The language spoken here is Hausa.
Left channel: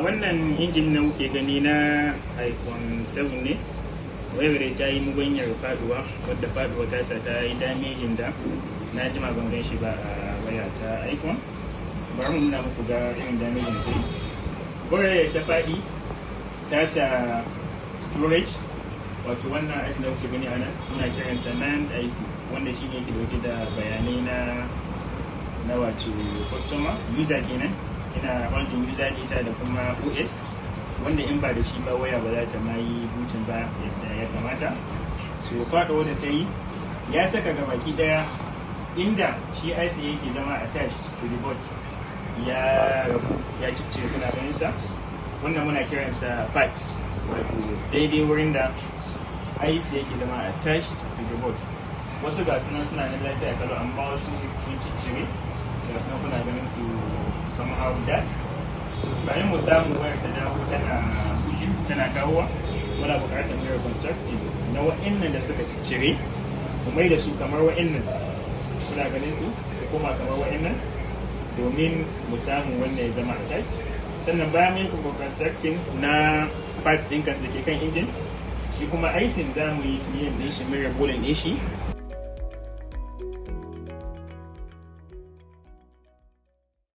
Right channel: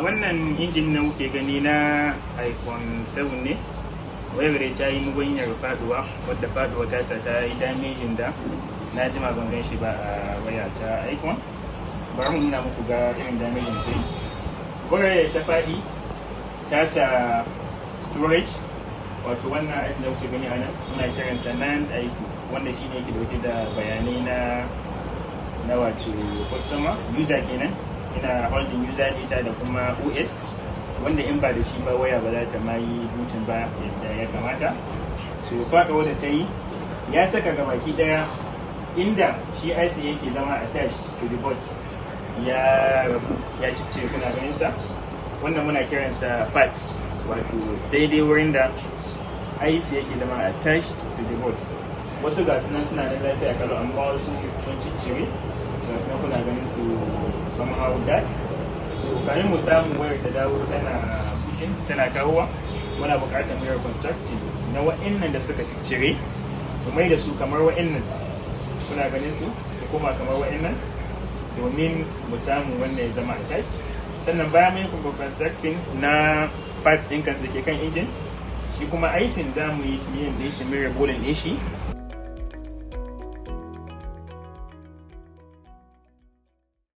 Wannan injin na kuke gani na iPhone 7 ne, wayar da ta yi mugunyar faduwa, wadda faduwa ta sa ta yi damejin da na jima ban gan shi ba a waya ta iPhone. Bari mu nuna muku ga irin damejin da yi. Wayar ta faɗi ta sa storage, wato wannan IC da kuke gani a nan muna kiransa NAND IC, wanda shi ne ke dauke da bayanai na wato customer user kenan. Ina holding user data da kuma OS, wanda in ba da shi ba waya ba za ta ma yi booting ba yadda ya kamata. So faɗawa da ta yi ya saka gabaki ɗaya inda shi IC yake zama attached to the board ya cicce kuna ganin sa, wannan muna kiransa parts, wato daidai wurin da IC yake zama attached to the board. Wasu ga sunan suna nan lafiya kalau, amma wasu sun ciccire ga sunan kuna ganin su somehow that. So karin mu samu wayar ta dawo tana booting tana kawowa, muna buƙatar mu reconstructing na wa'annan da suka ciccire mu mai da su kamar wa'annan, kuna ganin su koma kamar wa'annan, domin mu samu wannan ya zama attached. Sannan bayan mun yi reconstructing na parts ɗin kansu da ke kan injin, shi kuma IC za mu yi kiliyan ɗin shi, mai rabolin ɗin shi